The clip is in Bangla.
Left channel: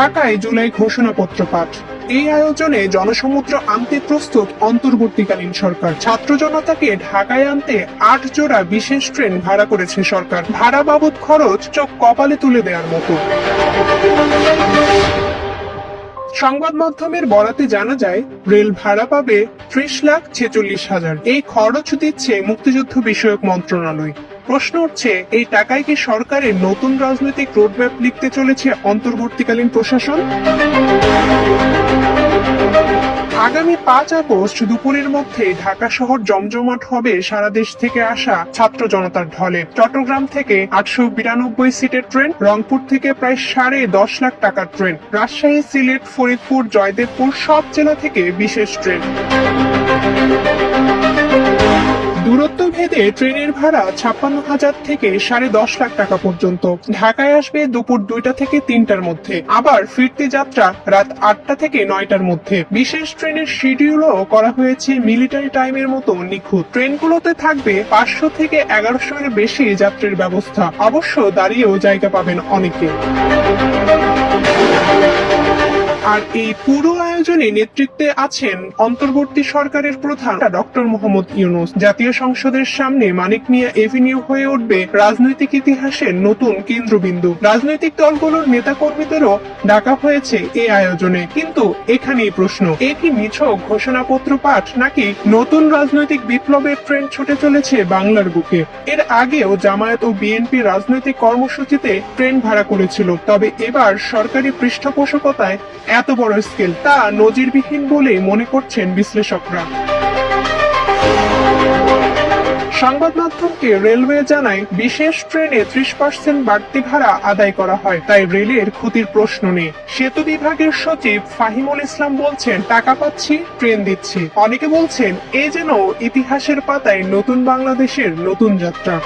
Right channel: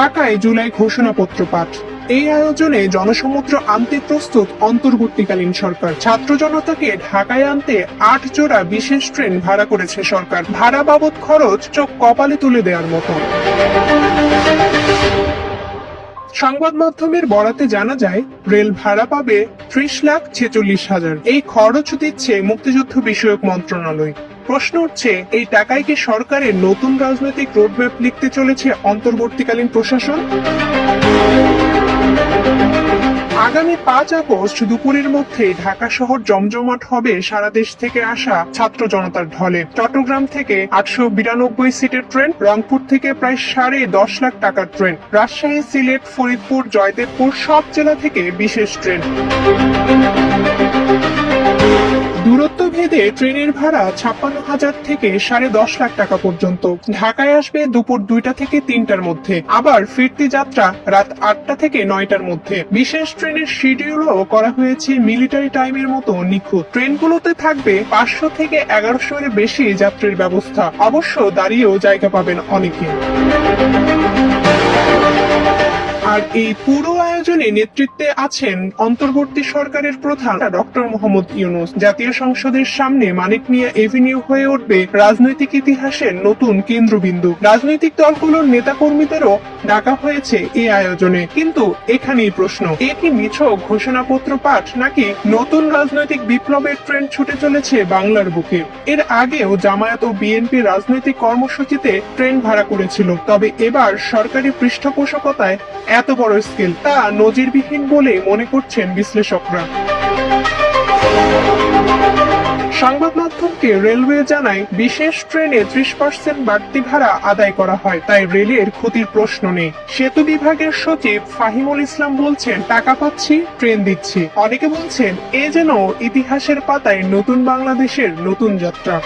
ঢাকায় জুলাই ঘোষণাপত্র পাঠ। এই আয়োজনে জনসমুদ্র আনতে প্রস্তুত অন্তর্বর্তীকালীন সরকার। ছাত্র জনতাকে ঢাকায় আনতে আট জোড়া বিশেষ ট্রেন ভাড়া করেছে সরকার। ভাড়া বাবদ খরচ চোখ কপালে তুলে দেওয়ার মতো। সংবাদ মাধ্যমের বরাতে জানা যায়, রেল ভাড়া পাবে ত্রিশ লাখ ছেচল্লিশ হাজার। এই খরচ দিচ্ছে মুক্তিযুদ্ধ বিষয়ক মন্ত্রণালয়। প্রশ্ন উঠছে এই টাকায় কি সরকারের নতুন রাজনৈতিক রোডম্যাপ লিখতে চলেছে অন্তর্বর্তীকালীন প্রশাসন? আগামী পাঁচ আগস্ট দুপুরের মধ্যে ঢাকা শহর জমজমাট হবে সারা দেশ থেকে আসা ছাত্র জনতার ঢলে। চট্টগ্রাম থেকে আটশো বিরানব্বই সিটের ট্রেন, রংপুর থেকে প্রায় সাড়ে দশ লাখ টাকার ট্রেন, রাজশাহী, সিলেট, ফরিদপুর, জয়দেবপুর সব জেলা থেকে বিশেষ ট্রেন। দূরত্ব ভেদে ট্রেনের ভাড়া ছাপ্পান্ন হাজার থেকে সাড়ে দশ লাখ টাকা পর্যন্ত। ঢাকায় আসবে দুপুর দুইটা থেকে তিনটার মধ্যে। আবার ফিরতে যাত্রা রাত আটটা থেকে নয়টার মধ্যে। বিশেষ ট্রেনের শিডিউলও করা হয়েছে মিলিটারি টাইমের মতো নিখুঁত। ট্রেনগুলোতে থাকবে পাঁচশো থেকে এগারোশো এর বেশি যাত্রীর ব্যবস্থা। অবশ্য দাঁড়িয়েও জায়গা পাবেন অনেকে। আর এই পুরো আয়োজনে নেতৃত্বে আছেন অন্তর্বর্তী সরকারের প্রধান ডক্টর মোহাম্মদ ইউনুস। জাতীয় সংসদের সামনে মানিক মিয়া এভিনিউ হয়ে উঠবে রাজনৈতিক ইতিহাসের নতুন কেন্দ্রবিন্দু। রাজনৈতিক দলগুলোর নেতাকর্মীদেরও ডাকা হয়েছে এই আয়োজনে। কিন্তু এখানেই প্রশ্ন, এ কি নিছক ঘোষণাপত্র পাঠ নাকি নতুন রাজনৈতিক বিপ্লবের ট্রেন্ড ছুটে চলেছে বাংলার বুকে? এর আগেও জামায়াত ও বিএনপি রাজনৈতিক কর্মসূচিতে ট্রেন ভাড়া করেছিল। তবে এবার সরকারি পৃষ্ঠপোষকতায় এত বড় স্কেল তা নজিরবিহীন বলে মনে করছেন বিশ্লেষকরা। সংবাদ মাধ্যমকে রেলওয়ে জানায়, বিশেষ ট্রেনে ত্রিশ পার্সেন্ট বাড়তি ভাড়া আদায় করা হয়, তাই রেলের ক্ষতির প্রশ্ন নেই। সেতু বিভাগের সচিব ফাহিমুল ইসলাম বলছেন, টাকা পাচ্ছি ট্রেন দিচ্ছি। অনেকে বলছেন, এ যেন ইতিহাসের পাতায় নতুন বাংলাদেশের নতুন যাত্রা।